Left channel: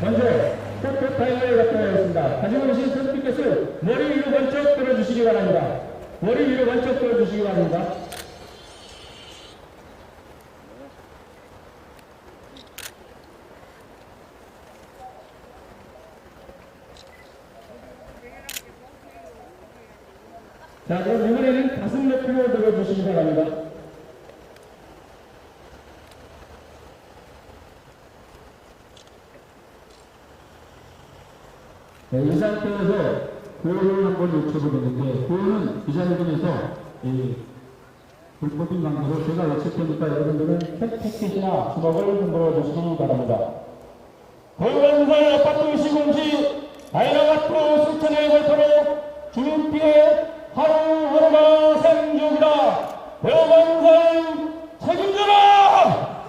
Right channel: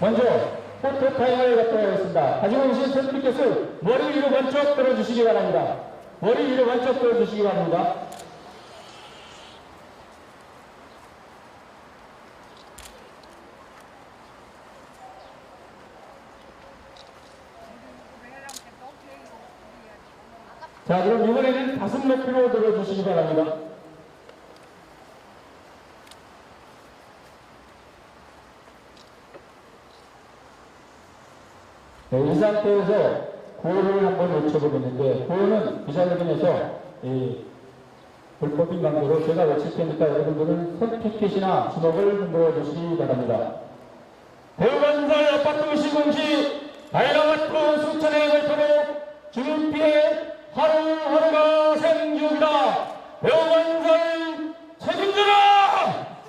먼저 포트 타임을 갖도록 하겠습니다. 가지고 오신 선생님께서 머리 위로 번쩍 들어주시기 바랍니다. 머리 위로 번쩍 들어주시기 바랍니다. 자, 그럼 이번에는 가슴 높이로 들어주시기 바랍니다. 네, 이 상태에서 고요를 한번 외쳐보겠는데, 고요는 기자회견에서 이 불법인 관계로 제가 외칠 테니까 여러분들은 택켓이나 주먹을 흔들어 주시기 바랍니다. 대우건설 아파트 다이너 아파트 수천의 걸터로 주민 피해 하루하루가 생중이다. 대우건설 책임져라!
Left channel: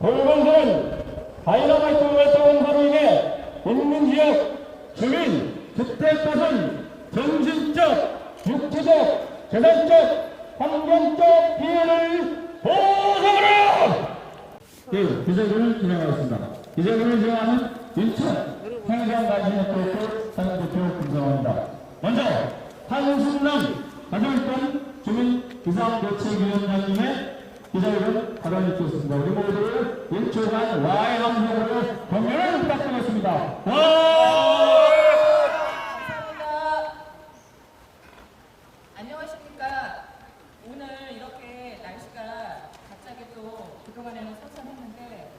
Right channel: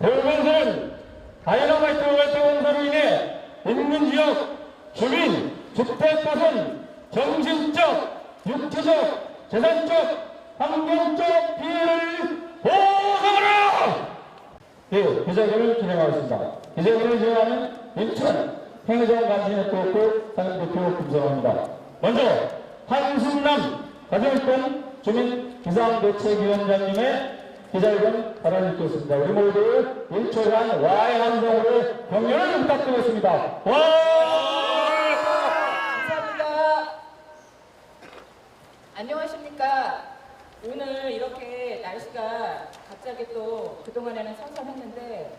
대우건설은 다이너마이트 월터 건설로 인해 인근 지역 주민, 주택밭은 정신적, 육체적, 재산적, 환경적 피해를 보상하라! 네, 기자회견을 진행하겠습니다. 기자회견을 진행하는 인천 행정관시네트워크 사장대표 김성호입니다. 먼저 한순남 가정일권 주민 비상대책위원장님의 기자회견 발언해주셨습니다. 우리 모두 1초간 와의 함성으로 격려를 부탁드리겠습니다. 와! 감사합니다. 안녕하십니까. 오늘 이렇게 날씨가 갑자기 또 그동안에는 선선했는데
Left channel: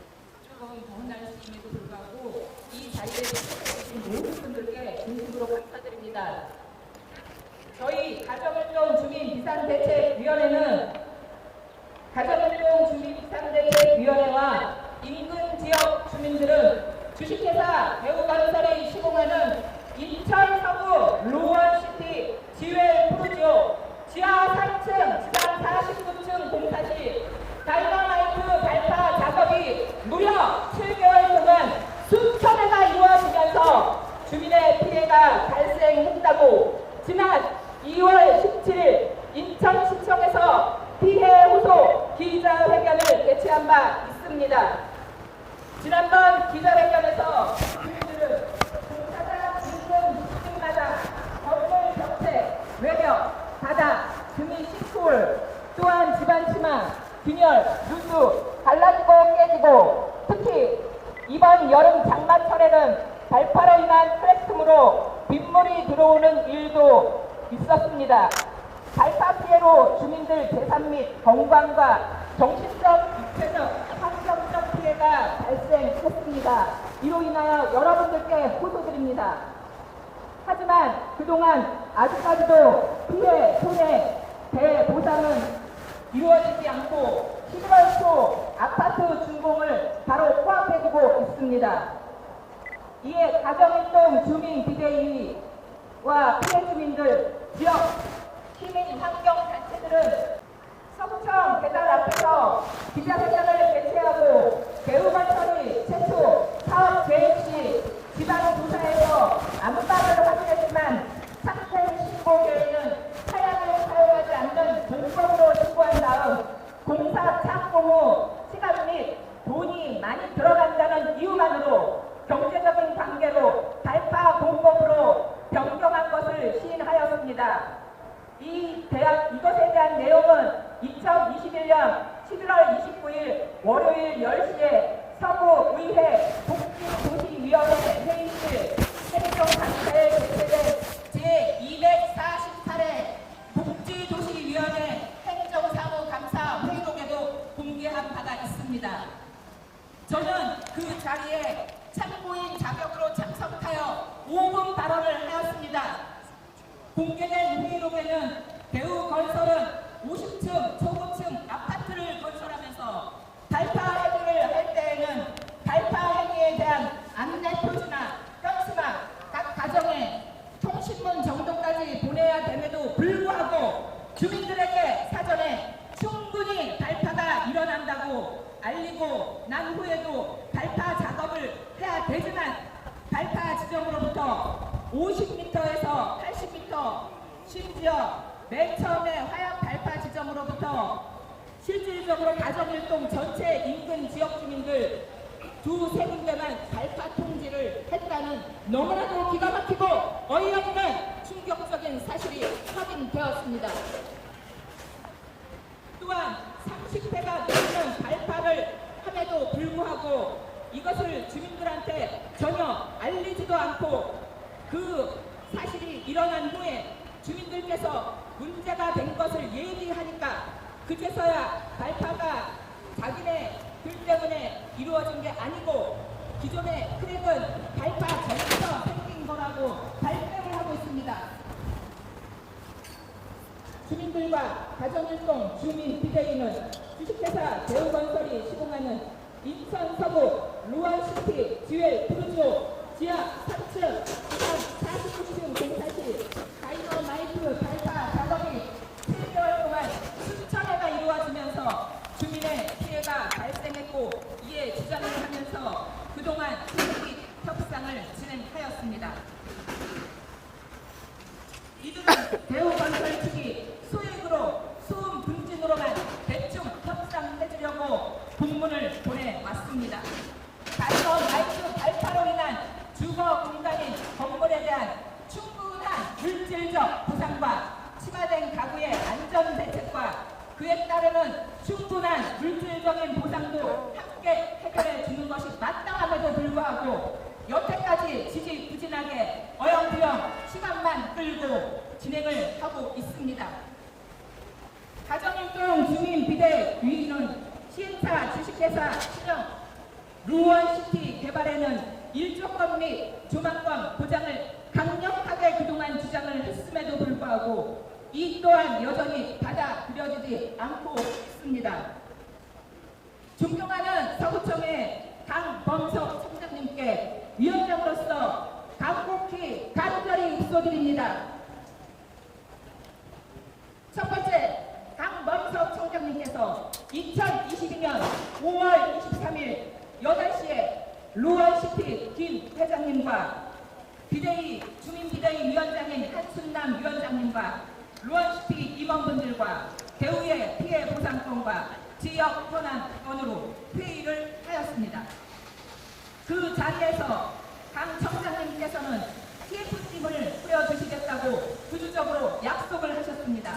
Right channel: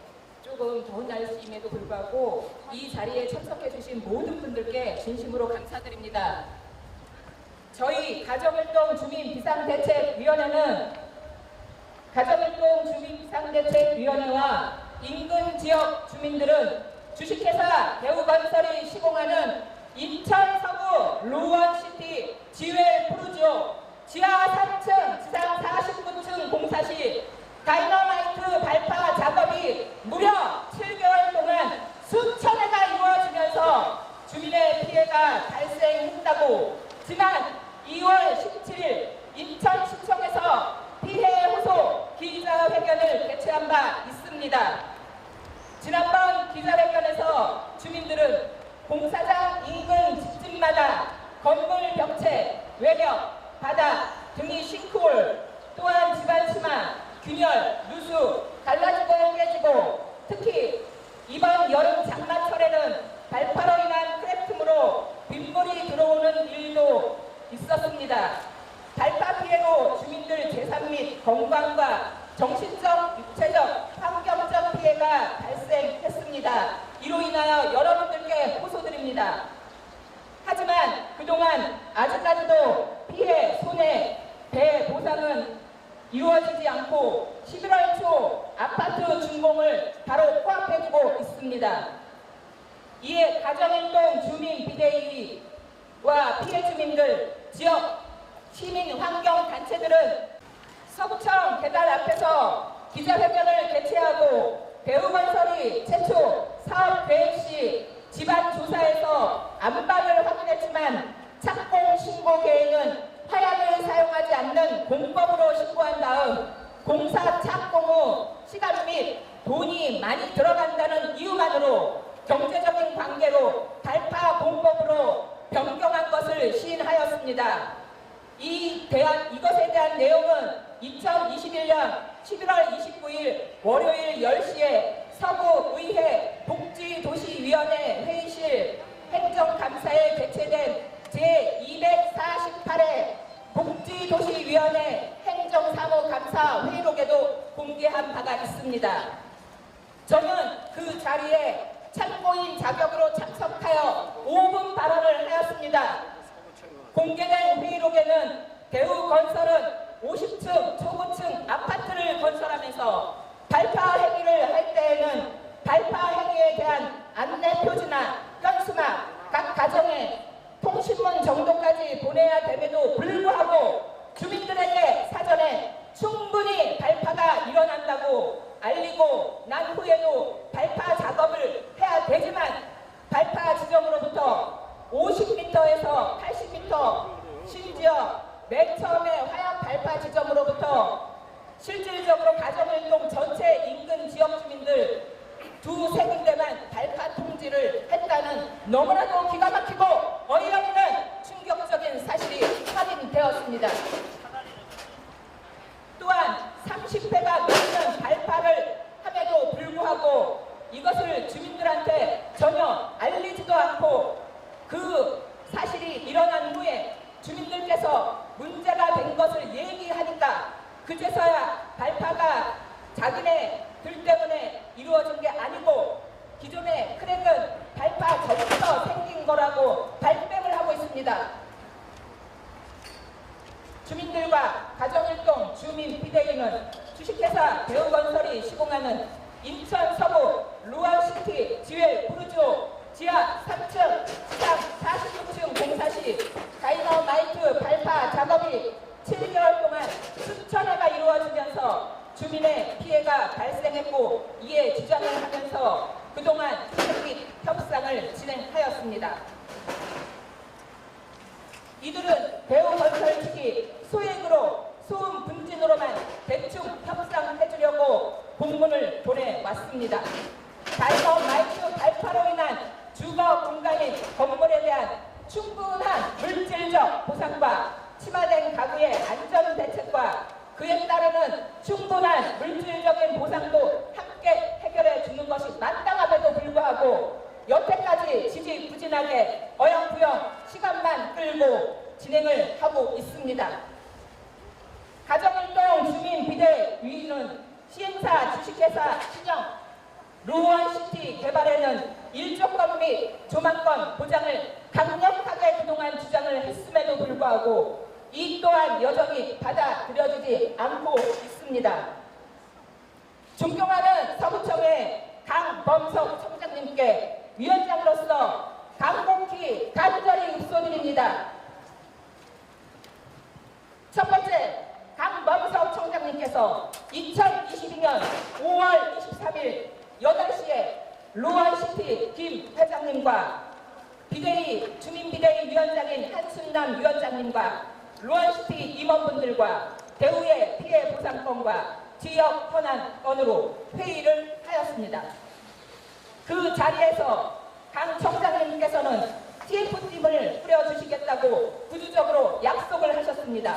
조금 더운 날씨임에도 불구하고 이 자리에 참여해주신 모든 분들께 진심으로 감사드립니다. 저희 가정활동 주민 비상대책위원회는 가정활동 주민 비상대책위원회와 인근 지역 주민들은 주식회사 대우건설이 시공하는 인천 서구 로원시티 지회 프로지오 지하 3층, 지상 49층 공사 시 다이너마이트 발파 작업이 무려 7개월 동안 수천 회가 이루어지면서 주민의 피해가 발생했다고 지난 2월 17일 인천시청에서 피해 호소 기자회견을 개최한 바 있습니다. 지난번 기자회견에서 주민들은 공사장 인근 집집마다 건물 벽체, 외벽, 바닥 등이 싱크홀, 또한 집안 치마, 균열, 누수, 갈라지고 깨지고 특히 이번 여름 장마철에는 발파로 인한 틈으로 빗물이 들어오는 일도 있었습니다. 발파 피해로 주민들 재산 및 건강과 정신적, 육체적, 환경적 피해가 발생했습니다. 이로 인하여 여러분들께 호소드립니다. 하지만 그동안 아직까지도 피해, 손해, 배 보상은 이루어지지 않고 11월 초 아파트 준공을 바로 코앞에 두고 있습니다. 이에 가정일동 주민 비대위와 피해 주민들, 지역 시민 환경 단체들은 서구청 계단 앞에서 기자회견을 개최하고 대우건설이 최초 사업 계획 시 지방 조사에서 안방을 확인했지만 착공 신고 계획은 타약을 사용하지 않는 본법으로 신고한 다음 공사 착공 후 시간 및 돈이 많이 들어간다는 이유만으로 경제적인 관계로 발파 공법으로 변경한 것을 시인하였습니다. 이 대한 이것에 대한 내용은 2021년 11월 29일 월요일 10시에 서구의회 복지도시위원회 회의실 행정감사에 개최된 제248회 복지도시위원회 행정사무감사 회의록에도 공개한 바가 있습니다. 저는 그 자리에 참고인 자격으로 참석하여 5분 발언을 하였습니다. 공개된 회의록에는 대우건설은 50층 초고층 아파트를 건설하면서 발파 행위를 할 때에는 발파 행위에 대한 안내 표지나 건수나 각 가정에 통신문 정도까지 보내야 됨에도 불구하고 주민들에게 사전에 충분히 발파가 일어난다고 알리고 난 후에도 발파 작업을 해야 되지만 발파 지점으로부터 50m에서 80m 심지어 맨 처음에 화약 발파 지점으로부터 실질적으로 가정일동 전체 인근 지역 주민들 두세 군데만 발파 통지를 너무나도 기가 막히고 어이없는 충격적인 사실이 확인되었습니다. 또한 30회가 넘는 발파를 함에도 불구하고 이것을 주민들한테 전혀 알리지도 않고 그 사실이 일어난 후에 주민들께서 문제가 된 것을 얘기하니까 그제서야 발파가 자기네 들 때문에 이루어진 게 아니고 기존의 크랙은 발파 전부터 생긴 거라고 발뺌을 하고 있습니다. 주민들과 가정일동 주민 비대위는 주식회사 대우건설이 시공하는 인천 서부 루얼시티 듀얼 부르조 지하 3층, 상 46층 공사 시 다이너마이트 발파 작업이 7개월 동안 수천 회가 이루어지면서 주민의 피해가 발생했고 이에 주장을 하면서 그동안 협의 협상을 진행하였습니다. 이들은 대우건설 측이 소액으로 소음 분진으로만 대충 협상해주려고 공문을 보내왔습니다. 다이너 마이크 발파로 인한 주거 공간의 건물에 대한 충분한 물질적 보상과 침하된 가구의 안전 대책과 그에 따르는 충분한 물질적인 보상도 함께 해결해 주는 것이 마땅함에도 불구하고 여태까지 지지부진하게 어영부영 시간만 끌고 진행을 하고 있습니다. 가정일동 주민 비대 위는 시행사 주식회사 시정 루원시티 개발에는 일조권 및 조망권 보장을 강력하게 그동안 주장을 했음에도 불구하고 이 또한 여전히 받아들여지지 않고 있습니다. 존경하는 서구청의 강범석 청장님께 위원장으로서 강곡히 간절히 입소드립니다. 첫 번째, 강범석 청장님께서 2022년 5월 23일 8시에 루원시티 김 회장님과 비대위 주민비대위 위원장인 한순남 위원장님과 루원시티 임원분들과 대우의 피해 보상권과 지역 현안 건으로 회의를 하였습니다. 그 자리에서 강 청장님께서는 TF팀을 뿌려주시겠다고 구주적으로 약속을 하셨습니다.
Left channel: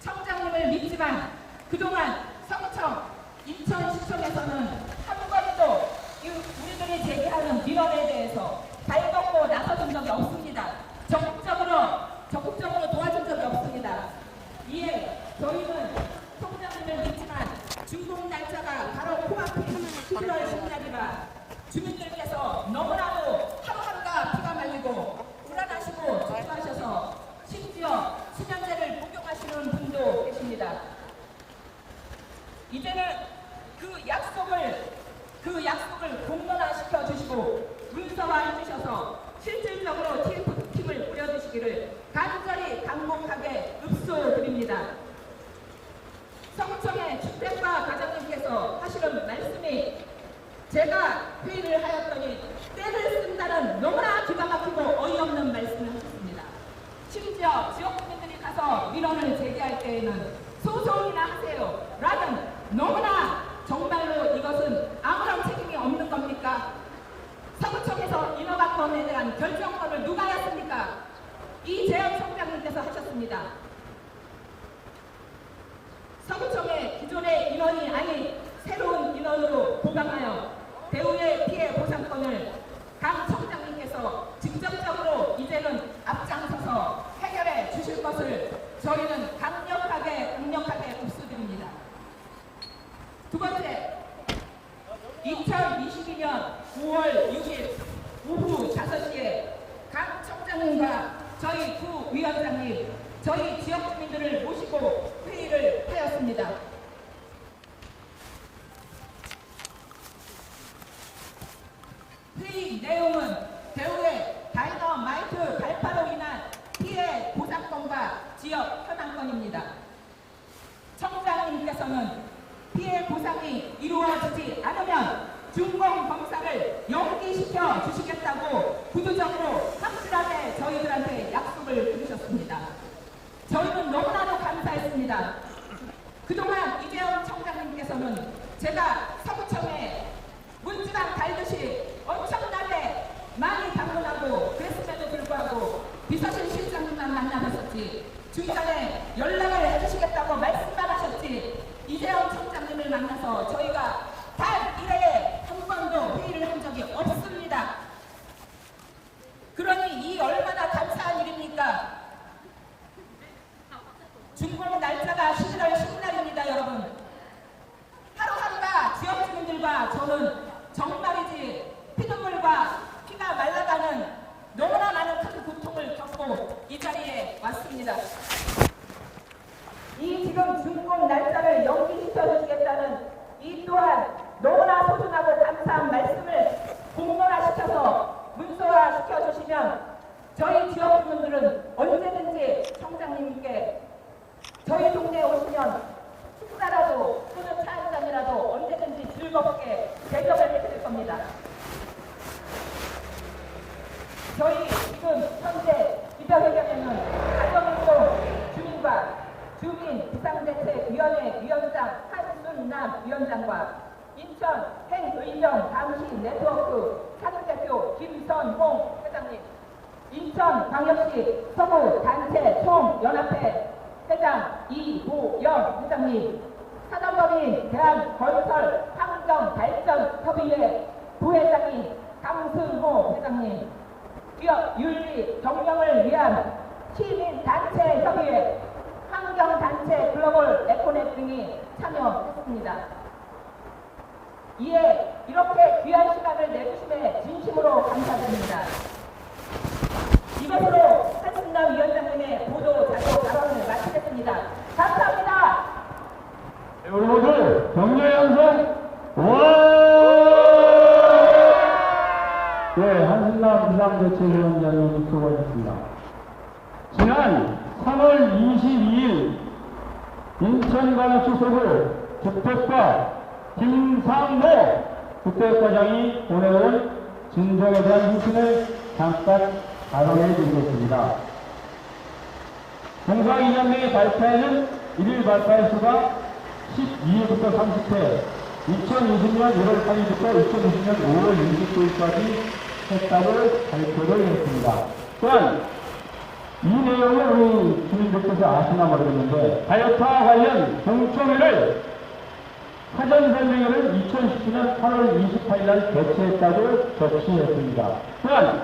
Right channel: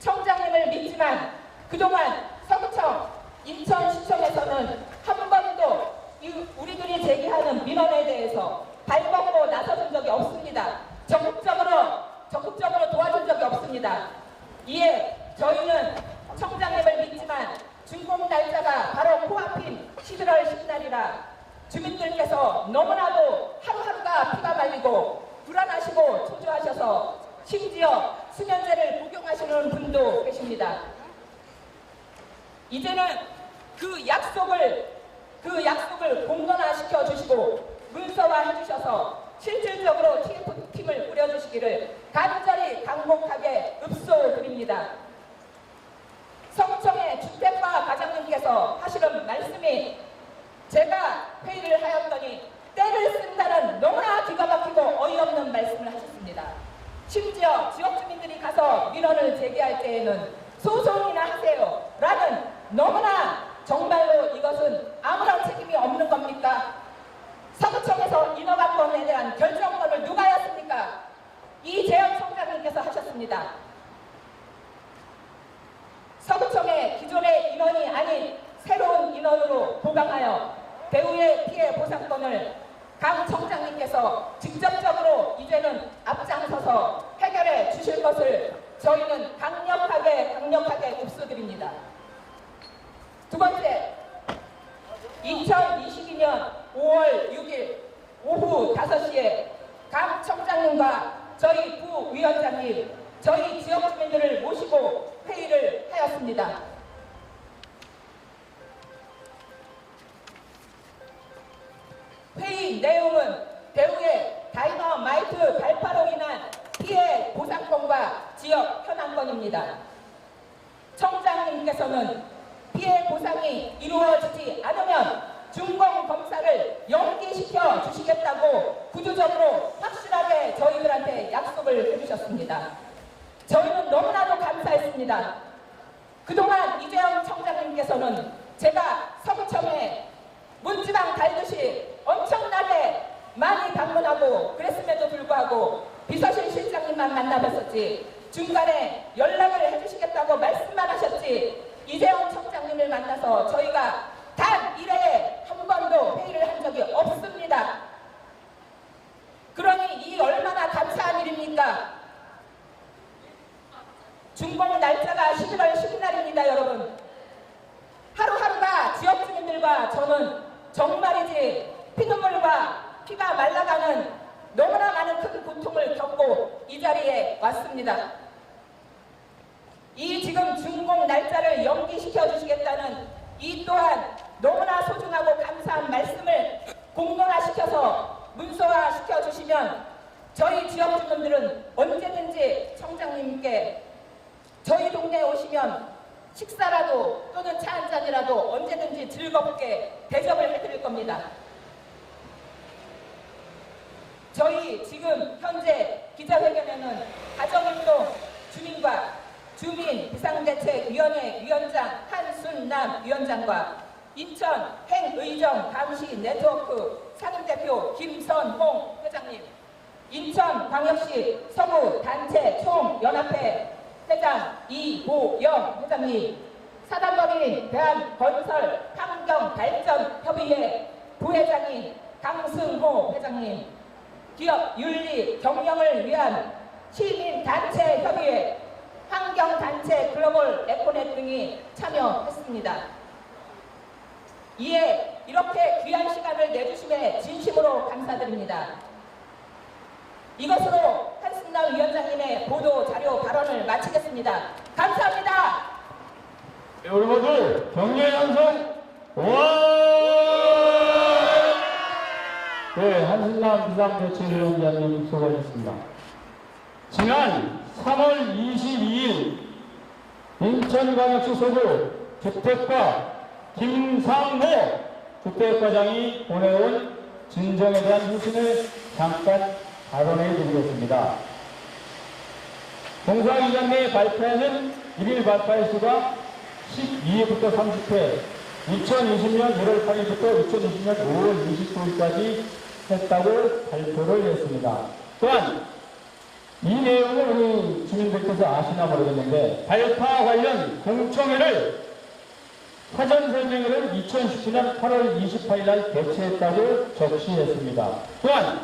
청장님을 믿지만 그동안 서구청, 인천시청에서는 민원에 대해서 발벗고 나서준 적이 없습니다. 적극적으로 적극적으로 도와준 적이 없습니다. 이에 저희는 청장님을 믿지만 준공 날짜가 바로 코앞인 11월 10날이라 주민들께서 너무나도 하루하루가 피가 말리고 불안하시고 초조하셔서 심지어 수면제를 복용하시는 분도 계십니다. 이제는 그 약속을 그 약속을 공론화시켜 주시고 문서화해 주셔서 실질적으로 주시겠다고 구조적으로 확실하게 저희들한테 약속을 해주셨습니다. 저희는 너무나도 감사했습니다. 그동안 이재영 청장님께서는 제가 서구청에 문지방 달듯이 엄청나게 많이 방문하고 그랬음에도 불구하고 비서실 실장님만 만나봤었지 중간에 연락을 해주시겠다고 말씀만 하셨지 이재용 청장님을 만나서 저희가 주민 비상대책위원회 위원장 한순남 위원장과 인천 행의정 감시 네트워크 상임대표 김선홍 회장님 인천 광역시 서구 단체 총연합회 회장 이보영 회장님 사단법인 대한건설 환경발전협의회 부회장님 강승호 회장님 기업 윤리 경영을 위한 시민단체 협의회 환경단체 글로벌 에코넷 등이 참여했습니다. 이에 이렇게 귀한 시간을 내주심에 진심으로 감사드립니다. 이것으로 한승남 위원장님의 보도 자료 발언을 마치겠습니다. 감사합니다. 네, 우리 모두 격려의 함성 와! 네, 한순남 비상대책위원장님 수고하셨습니다. 지난 3월 22일 인천광역시 서구 주택과 김상모 주택과장이 보내온 진정에 대한 후신을 잠깐 발언해 드리겠습니다. 공사기념회 발표는 1일 발표의 수가 12회부터 30회, 2020년 1월 8일부터 2020년 5월 29일까지 했다고 발표를 했습니다. 또한 이 내용을 우리 주민들께서 아시나 모르겠는데 가역파 관련 공청회를 사전 설명회를 2017년 8월 28일 날 개최했다고 적시했습니다. 또한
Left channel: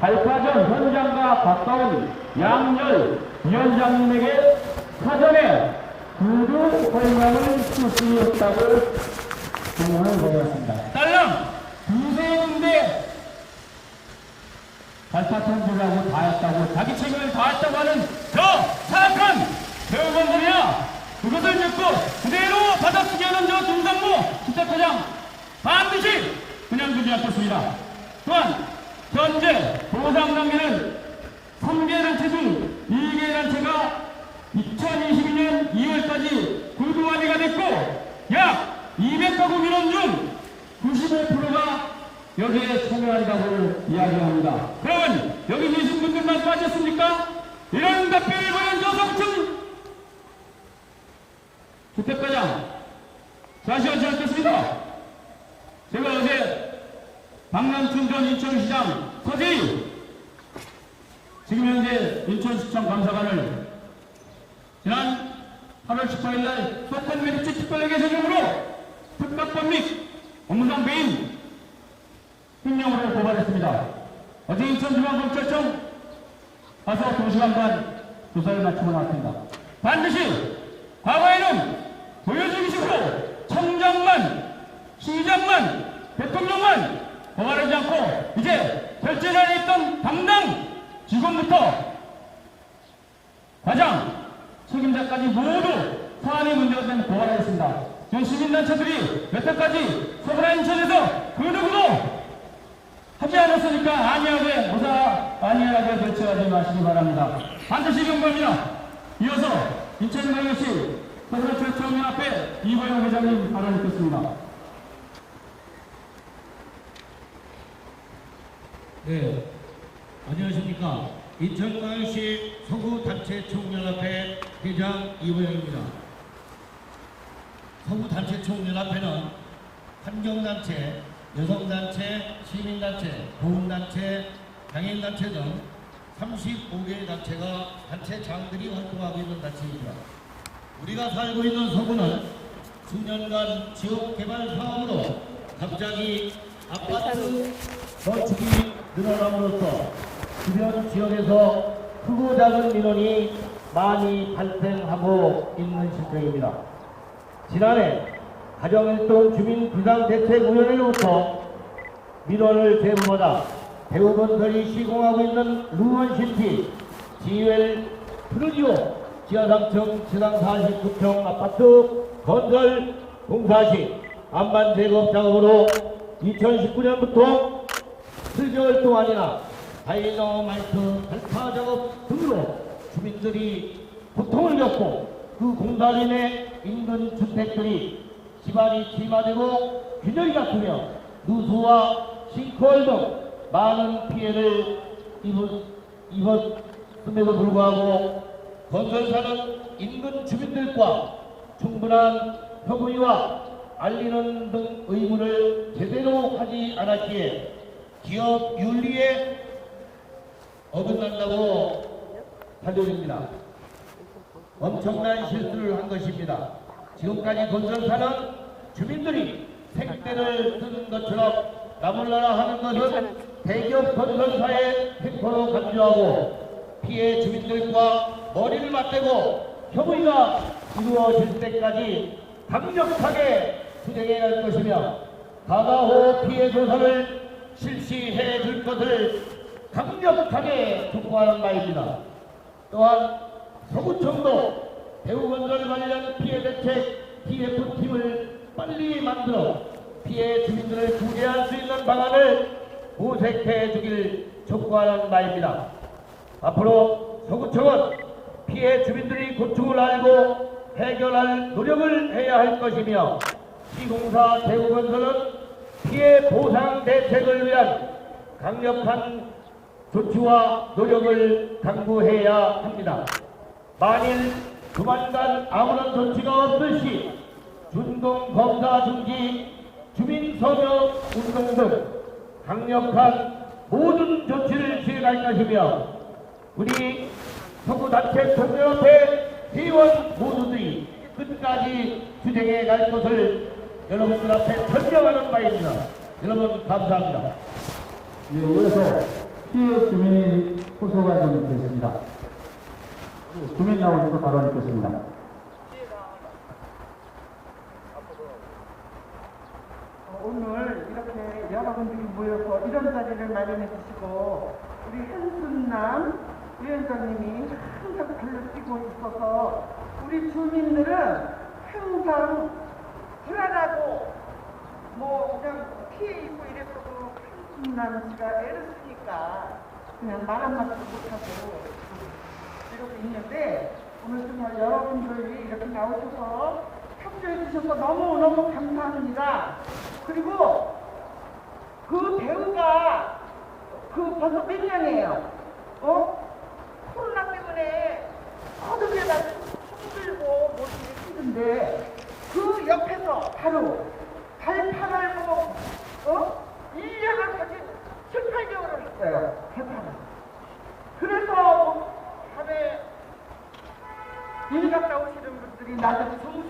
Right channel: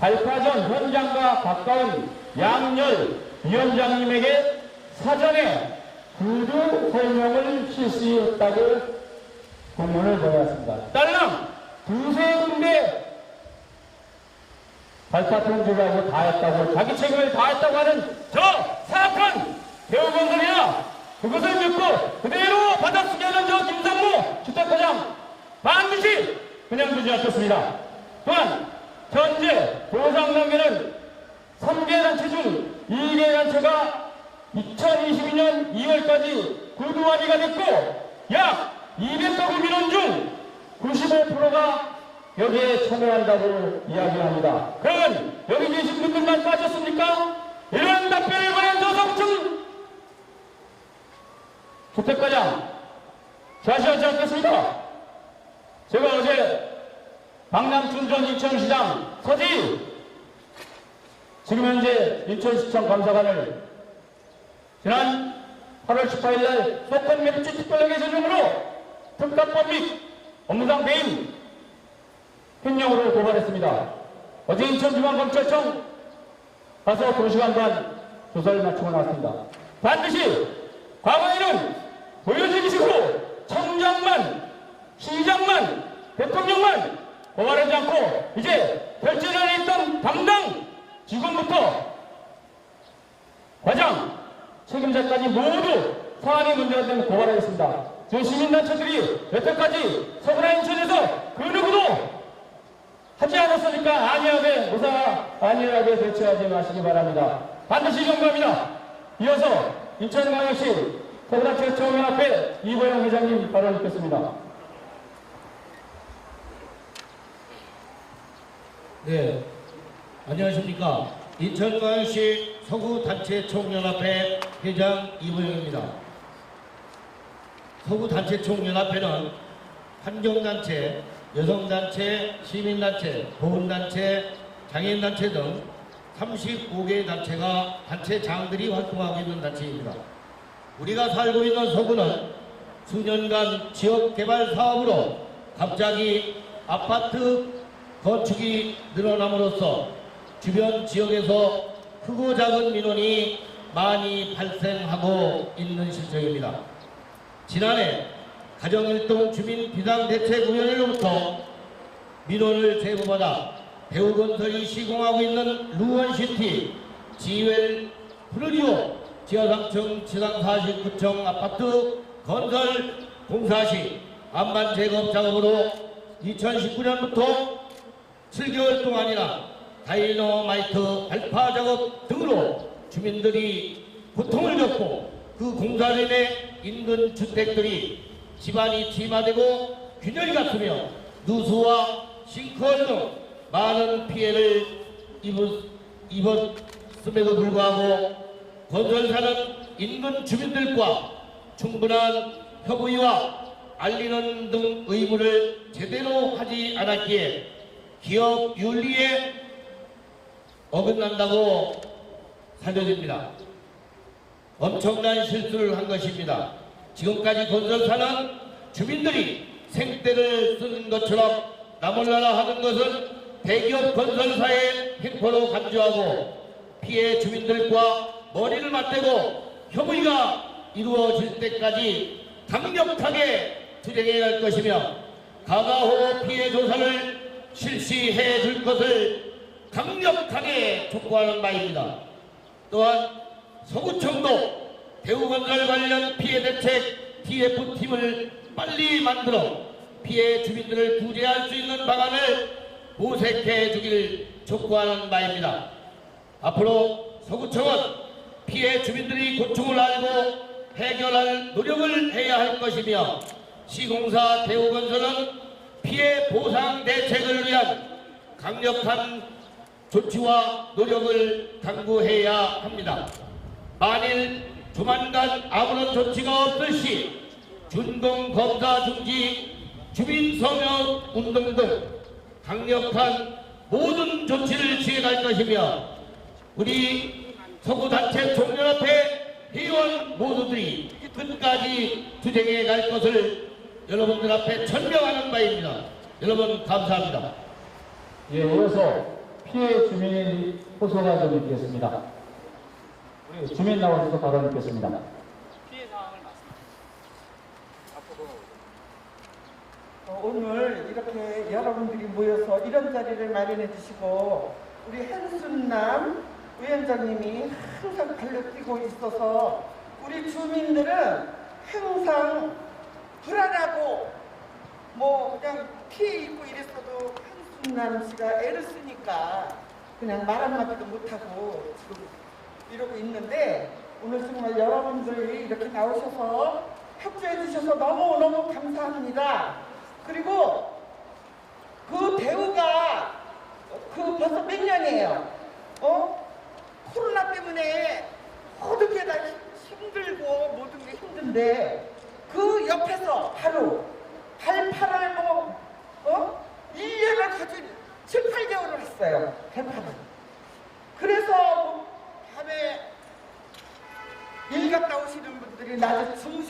발파 전 현장과 가까운 양열 위원장님에게 사전에 구두 설명을 실시했다고 공문을 내놨습니다. 딸랑 두세 군데 발파 통제하고 다 했다고 자기 책임을 다 했다고 하는 저 사악한 배우분들이야 그것을 믿고 그대로 받아쓰게 하는 저 김상무 주택과장 반드시 그냥 두지 않겠습니다. 또한 현재 보상 단계는 3개 단체 중 2개 단체가 2022년 2월까지 구두 합의가 됐고 약 200가구 민원 중 95%가 여기에 참여한다고 이야기합니다. 그러면 여기 계신 분들만 빠졌습니까? 이런 답변을 보낸 저성춘 주택과장 자시하지 않겠습니다. 제가 어제 박남춘 전 인천시장 서지 지금 현재 인천시청 감사관을 지난 8월 18일 날 속한 매립주 특별회계 소정으로 특가법 및 업무상 배임 횡령으로 고발했습니다. 어제 인천지방검찰청 가서 2시간 반 조사를 마치고 나왔습니다. 반드시 과거에는 보여주기 식으로 청장만, 시장만, 대통령만 고발하지 않고 이제 결재를 있던 담당 직원부터 과장, 책임자까지 모두 사안의 문제가 되면 고발하겠습니다. 지금 시민단체들이 여태까지 서구나 인천에서 그 누구도 하지 않았으니까 안일하게 무사 안일하게 대처하지 마시기 바랍니다. 반드시 경고합니다. 이어서 인천광역시 서구나 최초연합회 이보영 회장님 발언 듣겠습니다. 네, 안녕하십니까. 인천광역시 서구단체총연합회 회장 이호영입니다. 서구단체총연합회는 환경단체, 여성단체, 시민단체, 보험단체, 장애인단체 등 35개 단체가 단체 장들이 활동하고 있는 단체입니다. 우리가 살고 있는 서구는 수년간 지역 개발 사업으로 갑자기 아파트 건축이 늘어남으로써 주변 지역에서 크고 작은 민원이 많이 발생하고 있는 실정입니다. 지난해 가정일동 주민 비상대책위원회로부터 민원을 제보받아 대우건설이 시공하고 있는 루원시티 지웰 플루리오 지하 3층 지상 49층 아파트 건설 공사 시 안반 제거 작업으로 2019년부터 7개월 동안이나 다이너마이트 발파 작업 등으로 주민들이 고통을 겪고 그 인해 인근 주택들이 집안이 침하되고 균열이 갔으며 누수와 싱크홀 등 많은 피해를 입었, 입었음에도 불구하고 건설사는 인근 주민들과 충분한 협의와 알리는 등 의무를 제대로 하지 않았기에 기업 윤리에 어긋난다고 살려집니다. 엄청난 실수를 한 것입니다. 지금까지 건설사는 주민들이 생떼를 쓰는 것처럼 나몰라라 하는 것은 대기업 건설사의 행포로 간주하고 피해 주민들과 머리를 맞대고 협의가 이루어질 때까지 강력하게 투쟁해야 할 것이며 가가호 피해 조사를 실시해 줄 것을 강력하게 촉구하는 바입니다. 또한 서구청도 대우건설 관련 피해 대책 TF팀을 빨리 만들어 피해 주민들을 구제할 수 있는 방안을 모색해 주길 촉구하는 바입니다. 앞으로 서구청은 피해 주민들이 고충을 알고 해결할 노력을 해야 할 것이며 시공사 대우건설은 피해 보상 대책을 위한 강력한 조치와 노력을 강구해야 합니다. 만일 조만간 아무런 조치가 시 준공 검사 중지, 주민 서명 운동 등 강력한 모든 조치를 취해갈 것이며 우리 서구 단체 총연합회 회원 모두들이 끝까지 투쟁해 갈 것을 여러분들 앞에 설명하는 바입니다. 여러분 감사합니다. 예, 이어서 피해 주민 호소가 좀 있겠습니다. 주민 나오셔서 발언 듣겠습니다. 어, 오늘 이렇게 여러분들이 모여서 이런 자리를 마련해 주시고 우리 한순남 위원장님이 항상 발로 뛰고 있어서 우리 주민들은 항상 불안하고 뭐 그냥 피해 입고 이랬어도 한순남 씨가 애를 쓰니까 그냥 말 한마디도 못하고 이러고 있는데 오늘 정말 여러분들이 이렇게 나오셔서 협조해 주셔서 너무너무 감사합니다. 그리고 그 대우가 그 벌써 몇 년이에요? 어? 코로나 때문에 모든 게다 힘들고 모든 게 힘든데 그 옆에서 바로 발판을 뭐 어? 1년을 가진 분들이 낮에 주무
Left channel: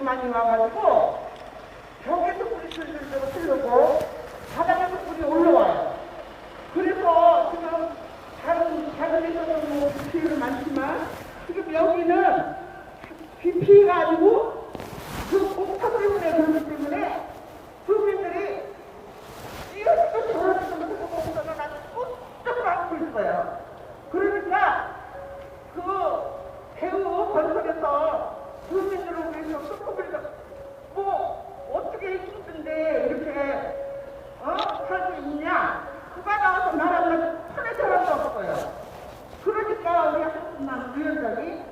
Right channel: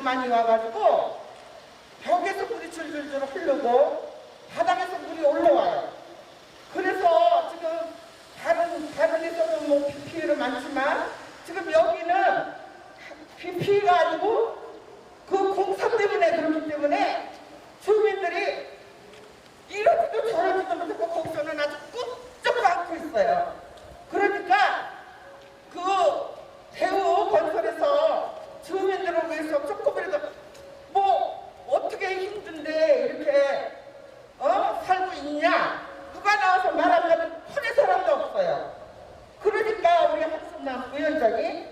좀 많이 와가지고 벽에서 물이 줄줄줄 흐르고 바닥에서 물이 올라와요. 그래서 지금 다른 다른 데서는 뭐 피해는 많지만 지금 여기는 피해가 아니고 그 공사 때문에 그렇기 때문에 주민들이 이러지도 저러지도 못하고 보고서는 아주 꾹쩍 안고 있어요. 알고 있냐? 누가 나와서 말하면 푸는 사람도 없어요. 그러니까 우리 한순남 위원장이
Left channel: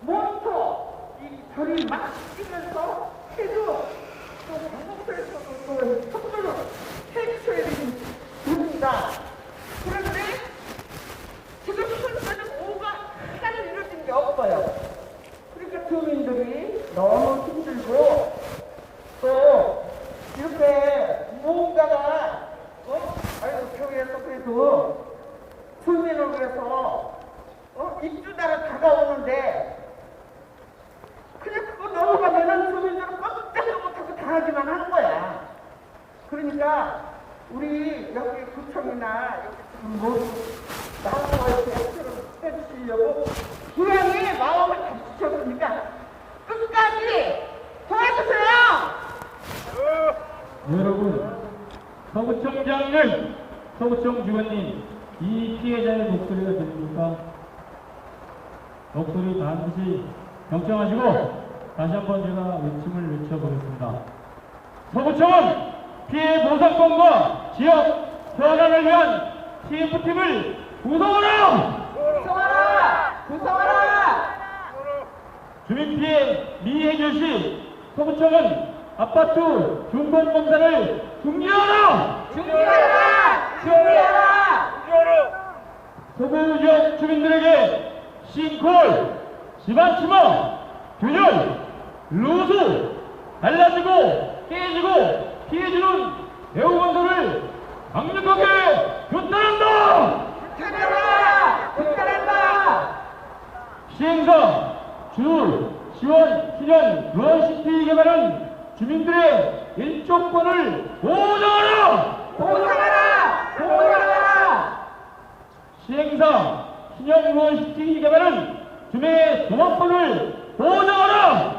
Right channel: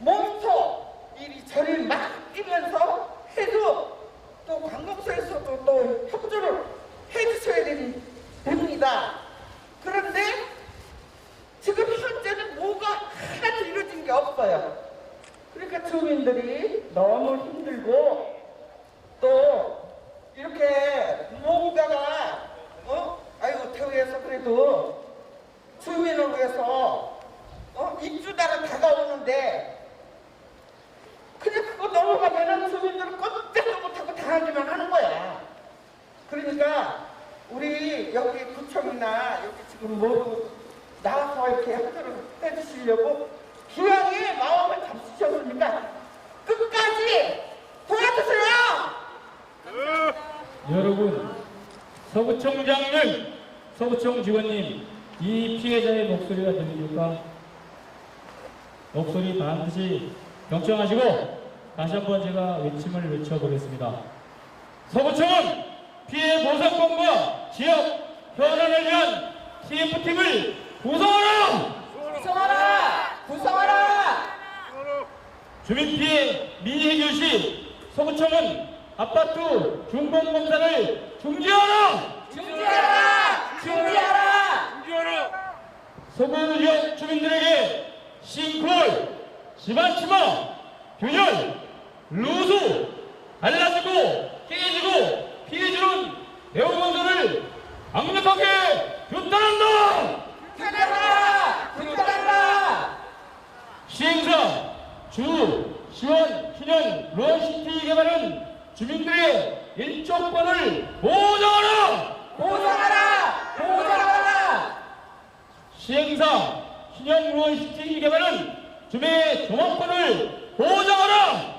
몸소 이리 저를 맡기면서 해도 또 관공서에서도 또 협조를 해주셔야 됩니다. 그런데 지금 현재는 뭐가 하나도 이루어진 게 없어요. 그러니까 주민들이 너무 힘들고 또 이렇게 뭔가가 대표에서 그래도 주민을 위해서 어? 입주자로 다가오는데 그냥 그거 넘어가면은 주민들은 꼼짝도 못하고 당하기만 하는 거야. 그러니까 우리 여기 구청이나 여기 지금 뭐 반드시 경청하시고 다시 한번 제가 외침을 외쳐보겠습니다. 서구청은 피해 보상권과 지역 변화를 위한 TF팀을 구성하라! 구성하라! 구성하라! 주민 피해 미해결 시 서구청은 아파트 중공 검사를 중지하라! 준비하라! 준비하라! 서구 지역 주민들에게 싱콜, 집안 침하, 균열, 루수, 갈라지고 깨지고 피해주는 대우건설을 강력하게 규탄한다! 규탄한다! 규탄한다! 시행사, 주, 시원, 신형, 루안시티 개발은 주민들의 일조권을 보장하라! 보상하라! 보상하라! 시행사, 신형 루안시티 개발은 주민의 조합법을 보장하라!